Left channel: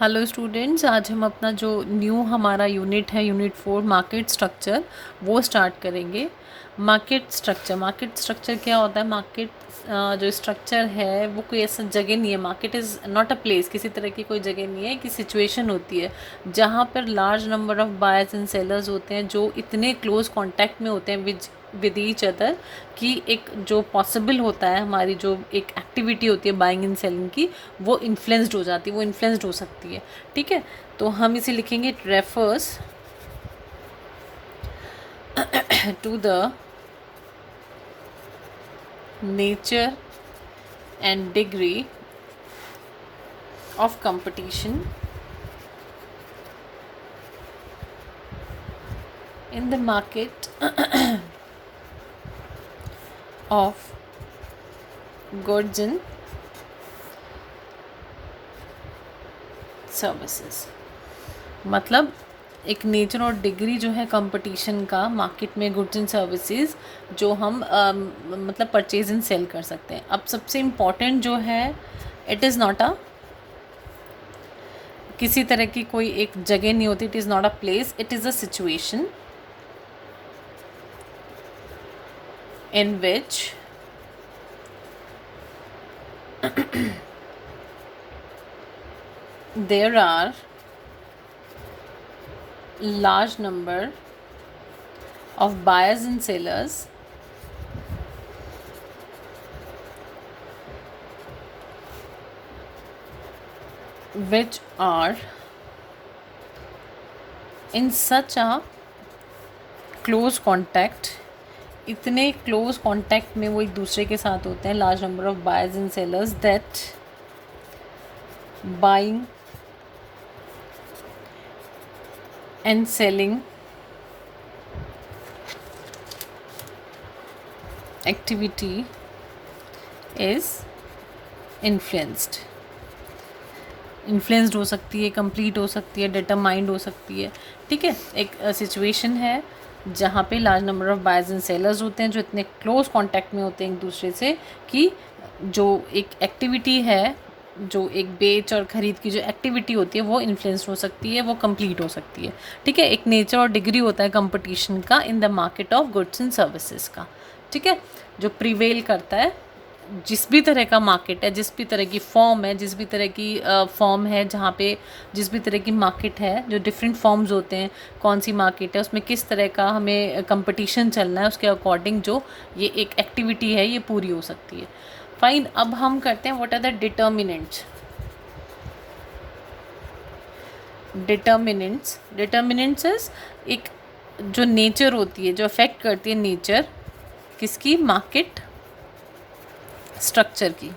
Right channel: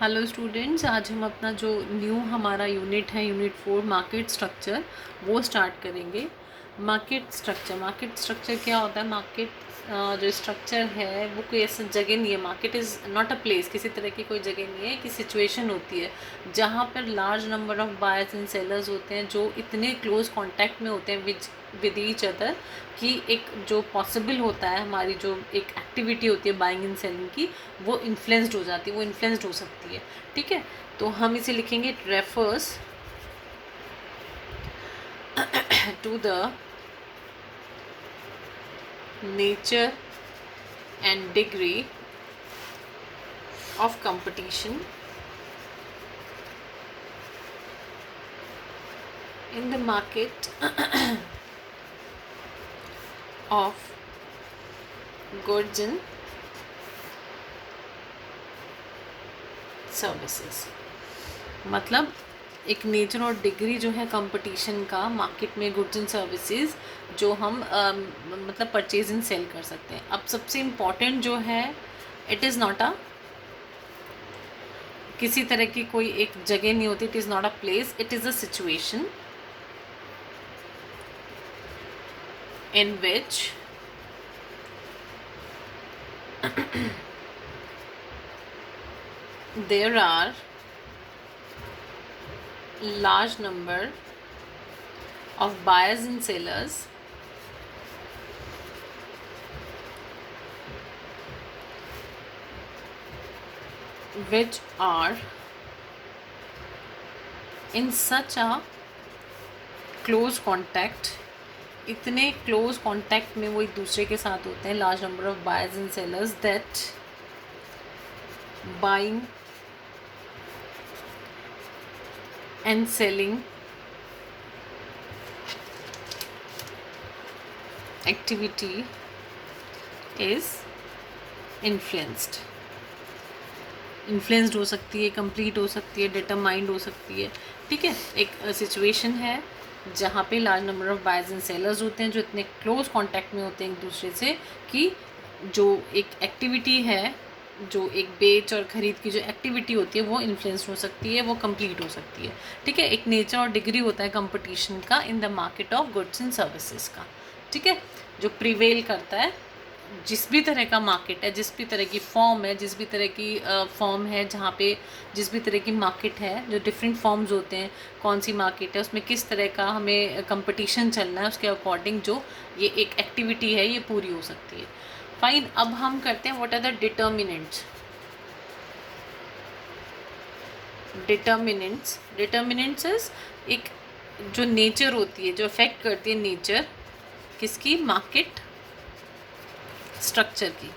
Hello students, आज हम अपना जो न्यू हमारा यूनिट है यूनिट 4 मार्केट स्ट्रक्चर वो स्टार्ट करेंगे। मार्केट स्ट्रक्चर क्या होता है? मार्केट जो स्ट्रक्चर है वो कोई ऐसा जगह नहीं है। Market is not a place, किसी तरह की कोई जगह नहीं है, कि सिचुएशन होती है जहाँ पर large number of buyers and sellers होते हैं जो इतने क्लोज कॉन्टैक्ट में होते हैं विद ईच अदर कि एक जो पॉसिबल होता है, हमारी जो एक एक्टिविटी होती है बाइंग एंड सेलिंग की, वो इन्फ्लुएंस्ड हो जाती है, वो इन्फ्लुएंस्ड हो सकती है। ठीक है, तो हम इसे लिखेंगे it refers to the nature and degree of competition in the market of goods and services। मतलब एक नेचर और डिग्री जो है कंपटीशन का मार्केट में गुड्स एंड सर्विसेज जो हम मतलब परचेज एंड सेल कर सकते हैं। अब सबसे इम्पॉर्टेंट जो है, इट इज़ नॉट अ किसी तरह की कोई एक जगह नहीं होती, it is not a place, it is a situation in which there are large number of buyers and sellers which are in such a close contact, इतने क्लोज कॉन्टैक्ट में वो एक दूसरे के साथ होते हैं, large number of buyers and sellers, that buying and selling activity is influenced हो सकती है, कंप्लीट हो सकती है, डिटरमाइंड हो सकती है। ठीक है, एक सिचुएशन है जहाँ पे large number of buyers and sellers होते हैं जो इतने क्लोज कांटेक्ट में होते हैं एक दूसरे से कि जो एक एक्टिविटी है, जो एक बेच और ख़रीद की जो एक्टिविटी होती है वो इन्फ्लुएंस हो सकती है, वो कंप्लीट हो सकती है। ठीक है, एक नेचर और डिग्री होता है कंपटीशन का in the market of goods and services का। ठीक है, जो प्रिवेल करता है, जिस भी तरह का मार्केट है, जिस भी तरह की फॉर्म है, जिस भी तरह की फॉर्म है, जहाँ पे जिस भी तरह की मार्केट है, जो डिफरेंट फॉर्म्स होते हैं, कौन सी मार्केट है, उसमें किस तरह का हमें कंपटीशन चलना है, उसके अकॉर्डिंग जो ये एक एक्टिविटी है ये पूरी हो सकती है। फाइन, अब हम करते हैं what are the determinants. Determinants is एक जो नेचर होती है, जो अफेक्ट करती है नेचर किसकी, मार्केट स्ट्रक्चर की।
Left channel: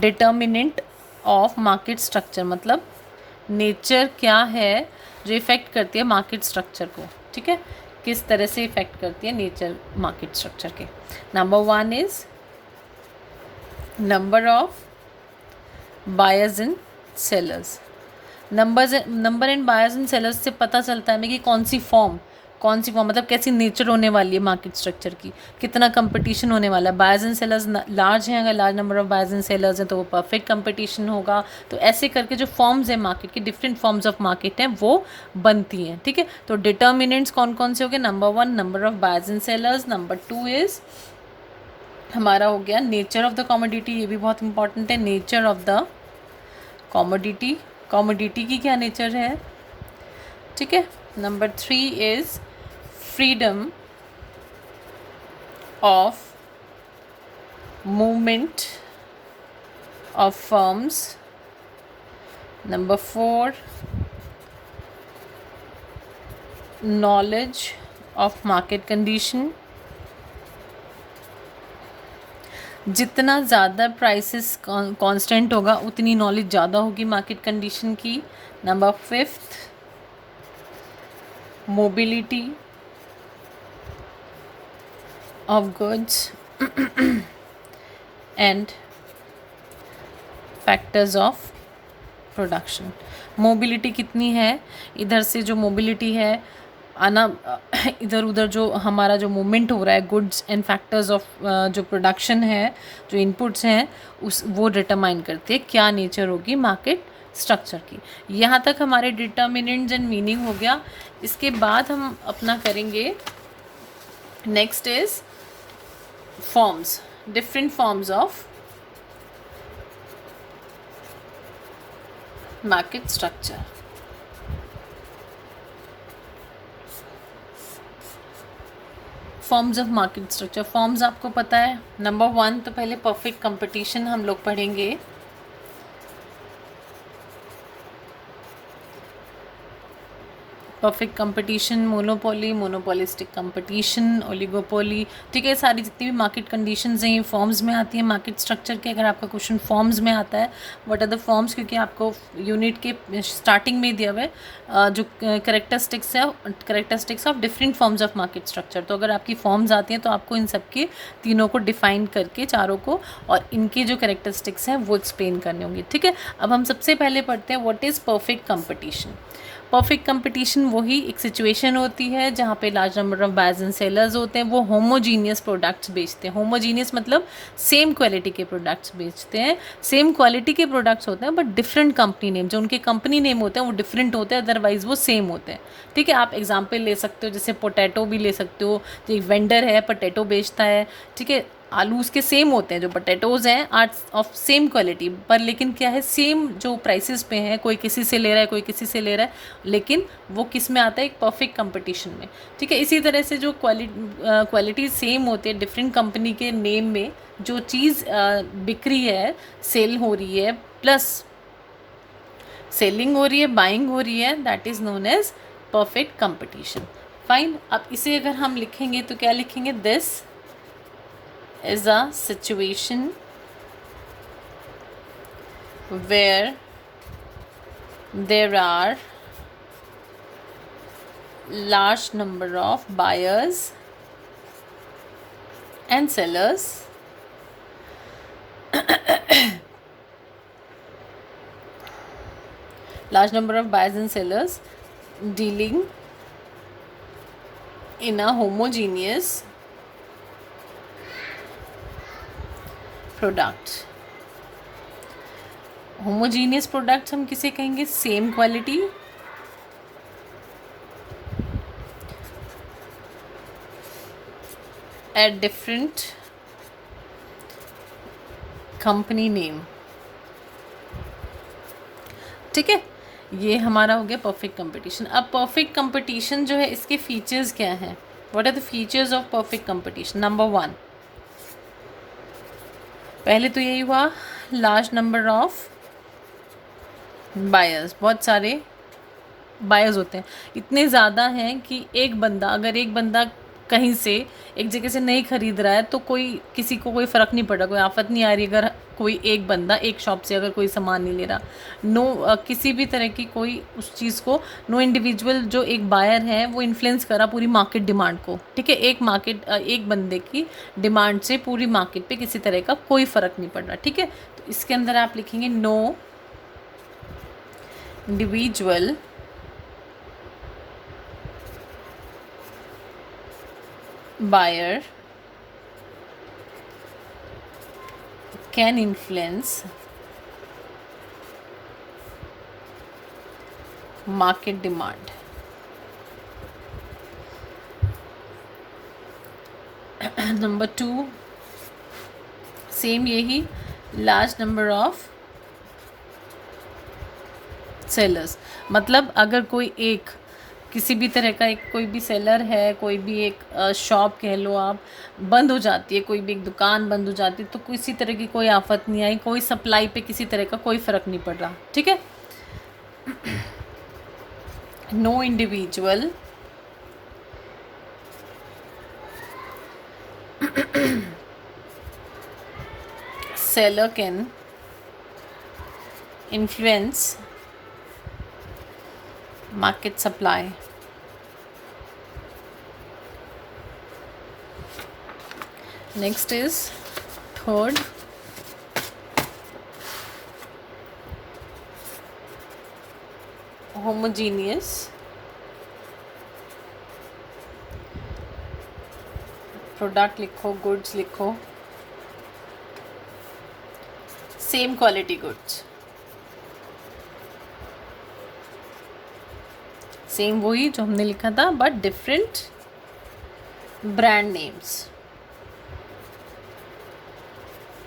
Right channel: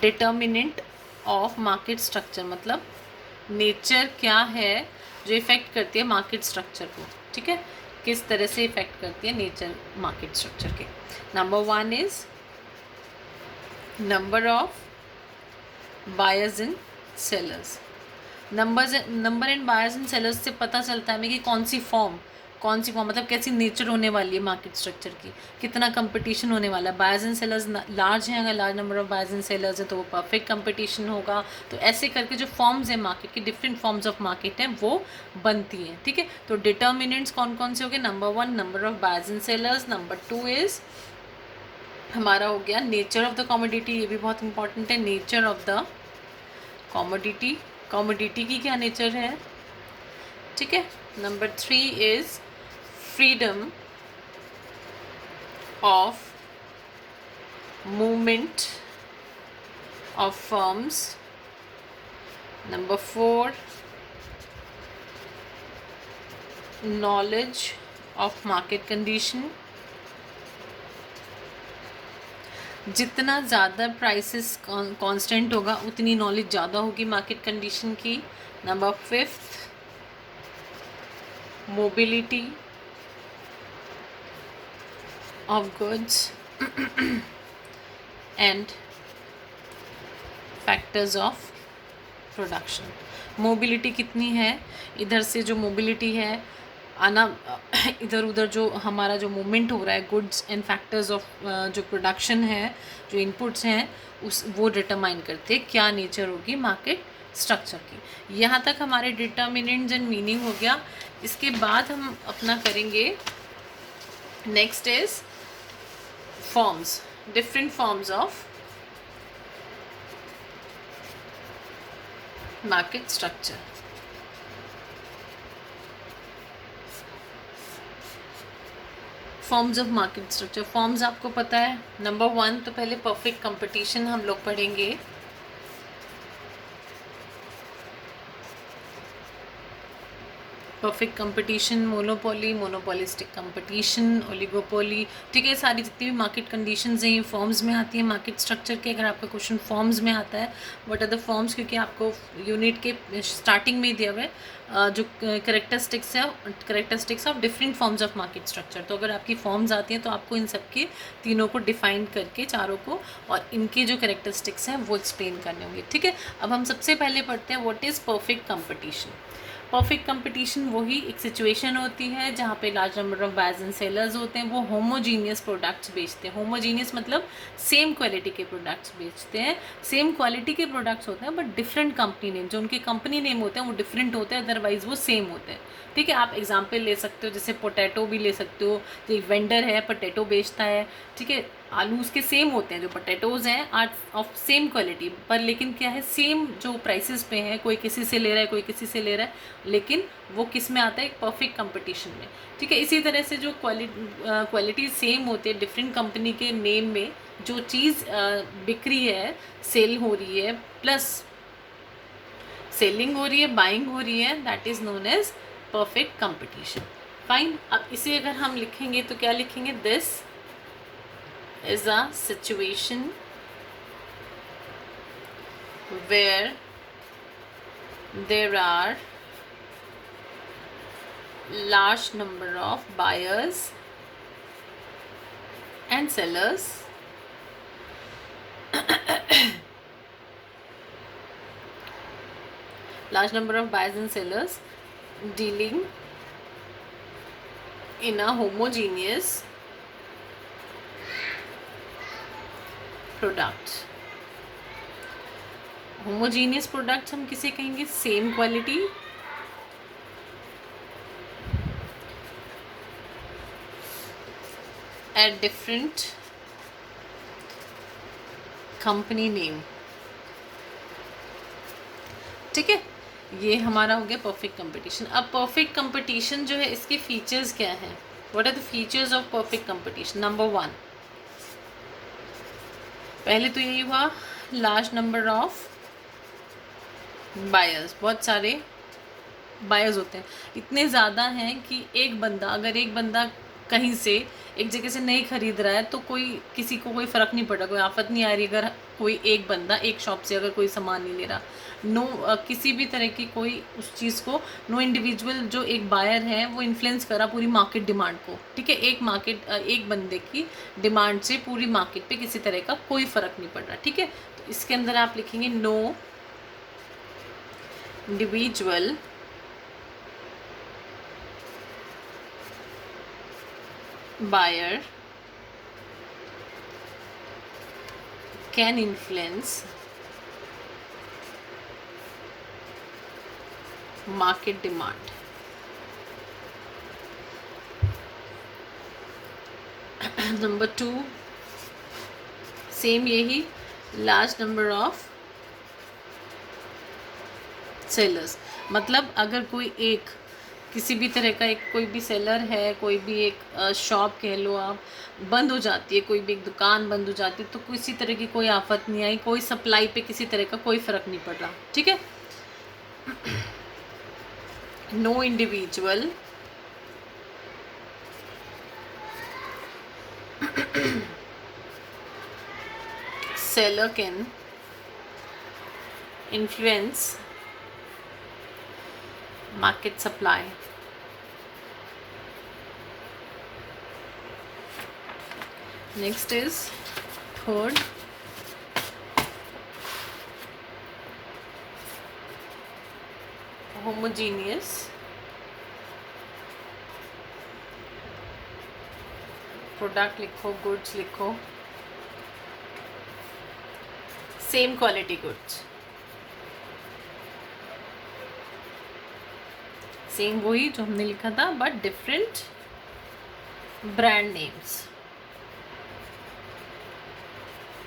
डिटर्मिनेंट ऑफ मार्केट स्ट्रक्चर मतलब नेचर क्या है जो इफ़ेक्ट करती है मार्केट स्ट्रक्चर को। ठीक है, किस तरह से इफ़ेक्ट करती है नेचर मार्केट स्ट्रक्चर के। Number 1 is number of buyers and sellers. Number and buyers and sellers से पता चलता है हमें कि कौन सी फॉर्म मतलब कैसी नेचर होने वाली है मार्केट स्ट्रक्चर की, कितना कंपटीशन होने वाला है। बायर्स एंड सेलर्स लार्ज हैं, अगर large number of buyers and sellers हैं तो वो परफेक्ट कंपटीशन होगा। तो ऐसे करके जो फॉर्म्स हैं मार्केट की, डिफरेंट फॉर्म्स ऑफ मार्केट हैं वो बनती हैं। ठीक है, तो डिटर्मिनेंट्स कौन कौन से हो गए? Number 1 number of buyers and sellers, number 2 is हमारा हो गया नेचर ऑफ द कॉमोडिटी, ये भी बहुत इंपॉर्टेंट है, नेचर ऑफ द कॉमोडिटी की क्या नेचर है। ठीक है, number 3 is freedom of movement of firms. Number 4, knowledge of market condition. जितना ज़्यादा प्राइसेस कांस्टेंट होगा उतनी नॉलेज ज़्यादा होगी मार्केट कंडीशन की। Number 5, mobility of goods and factors of production। Mobility कितनी है, इधर से जो मोबिलिटी है आना इधर उधर जो हमारा जो मूवमेंट हो रहा है, गुड्स एंड फैक्टर्स ऑफ जो प्रोडक्शन है, जो इनपुट्स हैं, उस वो डिटरमाइन करते हैं क्या नेचर होगी मार्केट स्ट्रक्चर की। यहाँ तक हमारे डिटर्मिनेंट्स एंड मीनिंग हो गया। इसके बाद हम अपना करेंगे, next is forms, different forms of market structure. Forms of market structure, forms आपको पता है। नंबर 1 तो पहले परफेक्ट कंपटीशन हम लोग पढ़ेंगे। Perfect competition, monopoly, monopolistic competition, oligopoly, ठीक है। सारी जितनी भी मार्केट कंडीशंस हैं ये फॉर्म्स में आती है मार्केट स्ट्रक्चर के। अगर आपका क्वेश्चन फॉर्म्स में आता है, व्हाट आर द फॉर्म्स, क्योंकि आपको यूनिट के स्टार्टिंग में दिया हुआ है जो characteristics of different forms of market structure. तो अगर आपकी फॉर्म्स आती हैं तो आपको इन सब के तीनों को डिफाइन करके, चारों को, और इनकी जो करेक्टरिस्टिक्स हैं वो एक्सप्लेन करने होंगे, ठीक है। अब हम सबसे पहले पढ़ते हैं what is perfect competition. Perfect competition वही एक सिचुएशन होती है जहाँ पे large number of buyers and sellers होते हैं, वो होमोजीनियस प्रोडक्ट्स बेचते हैं। होमोजीनियस मतलब सेम क्वालिटी के प्रोडक्ट्स बेचते हैं। सेम क्वालिटी के प्रोडक्ट्स होते हैं बट डिफरेंट कंपनी नेम, जो उनके कंपनी नेम होते हैं वो डिफरेंट होते हैं, अदरवाइज वो सेम होते हैं, ठीक है। आप एग्जाम्पल ले सकते हो, जैसे पोटैटो भी ले सकते हो। तो एक वेंडर है, पोटैटो बेचता है, ठीक है। आलू उसके सेम होते हैं, जो पोटैटोज़ हैं आर ऑफ सेम क्वालिटी, पर लेकिन क्या है, सेम जो प्राइसेस पे हैं, कोई किसी से ले रहा है, कोई किसी से ले रहा है, लेकिन वो किस में आता है, एक परफेक्ट कंपटीशन में, ठीक है। इसी तरह से जो क्वालिटी सेम होती है, डिफरेंट कंपनी के नेम में जो चीज़ बिक रही है, सेल हो रही है, प्लस सेलिंग हो रही है, बाइंग हो रही है, that is known as perfect competition. Fine. अब इसे अगर हम लिखेंगे तो क्या लिखेंगे, this is a situation where there are large number of buyers and sellers large number of buyers and sellers dealing in a homogeneous product. Homogeneous product हम किसे कहेंगे, same quality, at different company name, ठीक है। ये हमारा हो गया perfect competition. अब परफेक्ट कंपटीशन जो है, इसके फीचर्स क्या हैं, what are the features of perfect competition. Number 1, पहले तो यही हुआ, लार्ज नंबर ऑफ बायर्स, बहुत सारे बायर्स होते हैं, इतने ज़्यादा हैं कि एक बंदा, अगर एक बंदा कहीं से एक जगह से नहीं खरीद रहा है तो कोई, किसी को कोई फ़र्क नहीं पड़ रहा, कोई आफत नहीं आ रही अगर कोई एक बंदा एक शॉप से अगर कोई सामान नहीं ले रहा। नो किसी भी तरह की कोई उस चीज़ को, नो इंडिविजुअल जो एक बायर है वो इन्फ्लुएंस करा पूरी मार्केट डिमांड को, ठीक है। एक बंदे की डिमांड से पूरी मार्केट पे किसी तरह का कोई फ़र्क नहीं पड़ रहा, ठीक है। तो इसके अंदर आप लिखेंगे, no individual buyer can influence market demand। Number 2, same यही, लार्ज नंबर ऑफ सेलर्स, मतलब अगर कोई एक, किसी भी तरह का एक कोई भी सेलर है, कोई भी एक शॉप कह लो आप, बंद हो जाती है, कोई भी एक दुकान बंद हो जाती है, तो किसी तरह की कोई आफत नहीं आई, कोई सप्लाई पे किसी तरह का कोई फ़र्क नहीं पड़ रहा, ठीक है। No individual seller can influence market supply। Next is third, homogeneous product लिखो, गुड्स लिखो, सेम क्वालिटी गुड्स, सेम वही जो हमने लिखा था but different brand names.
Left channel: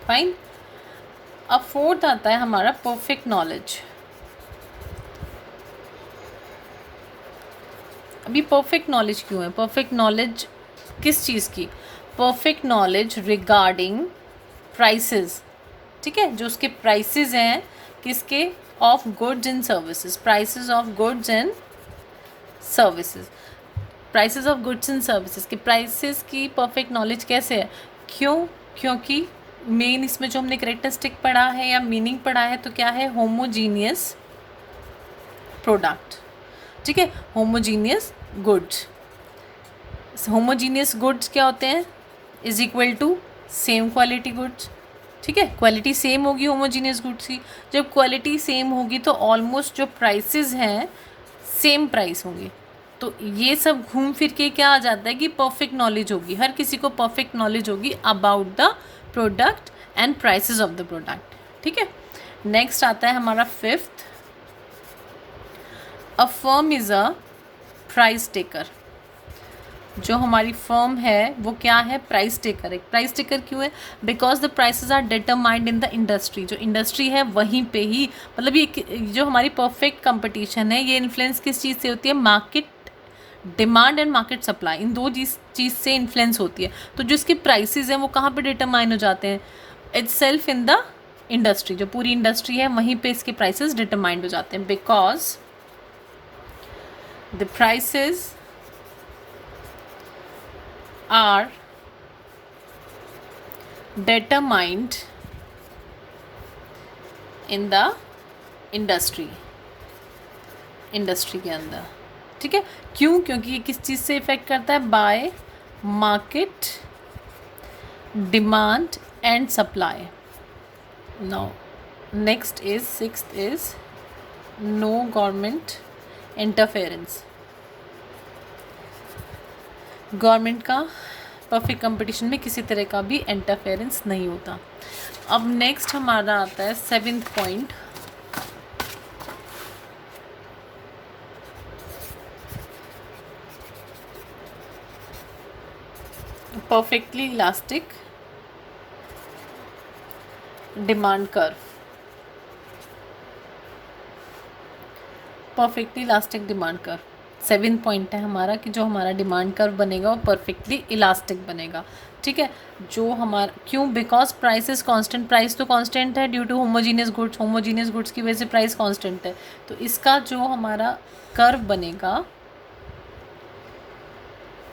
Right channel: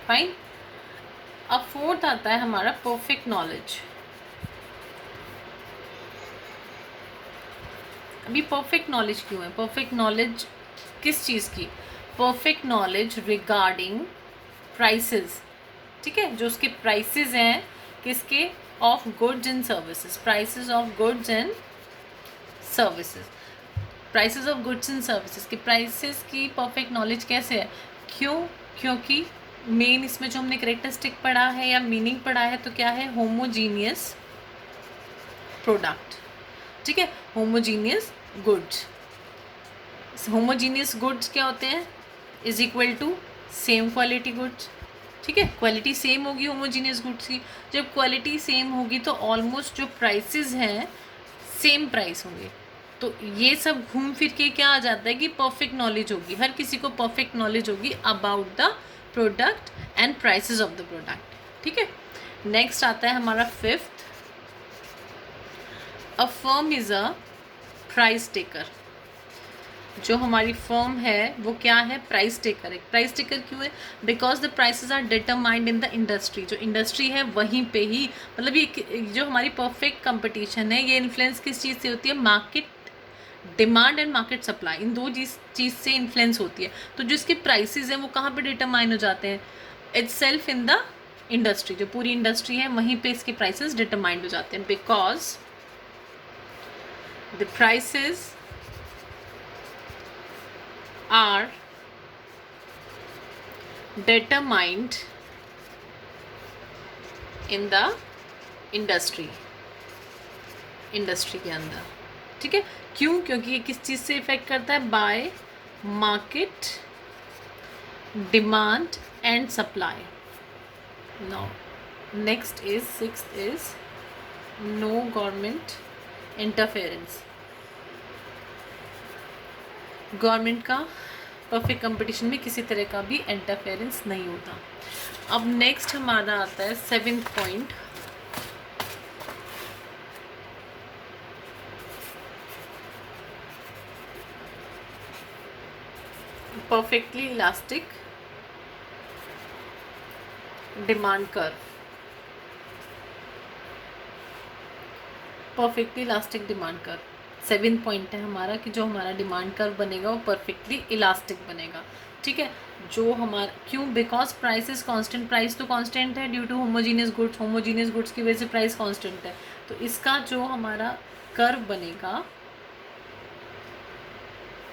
Fine. अब फोर्थ आता है हमारा परफेक्ट नॉलेज। अभी परफेक्ट नॉलेज क्यों है? परफेक्ट नॉलेज किस चीज़ की? परफेक्ट नॉलेज रिगार्डिंग प्राइसेस, ठीक है, जो उसके प्राइसेस हैं किसके? Of goods and services, prices of goods and services, prices of goods and services के प्राइसेस की परफेक्ट नॉलेज कैसे है? क्यों? क्योंकि मेन इसमें जो हमने करेक्टरिस्टिक पढ़ा है या मीनिंग पढ़ा है तो क्या है? होमोजीनियस प्रोडक्ट, ठीक है, होमोजीनियस गुड्स। होमोजीनियस गुड्स क्या होते हैं? Is equal to same quality goods, ठीक है, क्वालिटी सेम होगी होमोजीनियस गुड्स की। जब क्वालिटी सेम होगी तो ऑलमोस्ट जो प्राइसेस हैं सेम प्राइस होंगे। तो ये सब घूम फिर के क्या आ जाता है कि परफेक्ट नॉलेज होगी, हर किसी को परफेक्ट नॉलेज होगी about the product and prices of the product, ठीक है। नेक्स्ट आता है हमारा fifth, a firm is a price taker. जो हमारी फर्म है वो क्या है? प्राइस टेकर है। प्राइस टेकर क्यों है? Because the prices are determined in the industry. जो इंडस्ट्री है वहीं पे ही, मतलब ये जो हमारी परफेक्ट कंपटीशन है ये इन्फ्लुएंस किस चीज़ से होती है? Market demand and market supply, इन दो चीज़ से इन्फ्लुएंस होती है। तो जो इसके प्राइसेस हैं वो कहाँ पे डिटरमाइन हो जाते हैं? It's self in the industry. जो पूरी इंडस्ट्री है वहीं पे इसके प्राइसेस डिटरमाइंड हो जाते हैं। Because the prices are determined in the industry, industry के अंदर, ठीक है। क्यों? क्योंकि ये किस चीज़ से इफेक्ट करता है? By market demand and supply. Now next is sixth is no government interference. Government का परफेक्ट कंपटीशन में किसी तरह का भी इंटरफेरेंस नहीं होता। अब नेक्स्ट हमारा आता है seventh point, perfectly elastic demand curve. Perfectly elastic demand curve seventh point है हमारा कि जो हमारा डिमांड कर्व बनेगा वो परफेक्टली इलास्टिक बनेगा, ठीक है। जो हमारा क्यों? Because price is constant, price तो कांस्टेंट है due to homogeneous goods, homogeneous goods की वजह से प्राइस कांस्टेंट है। तो इसका जो हमारा कर्व बनेगा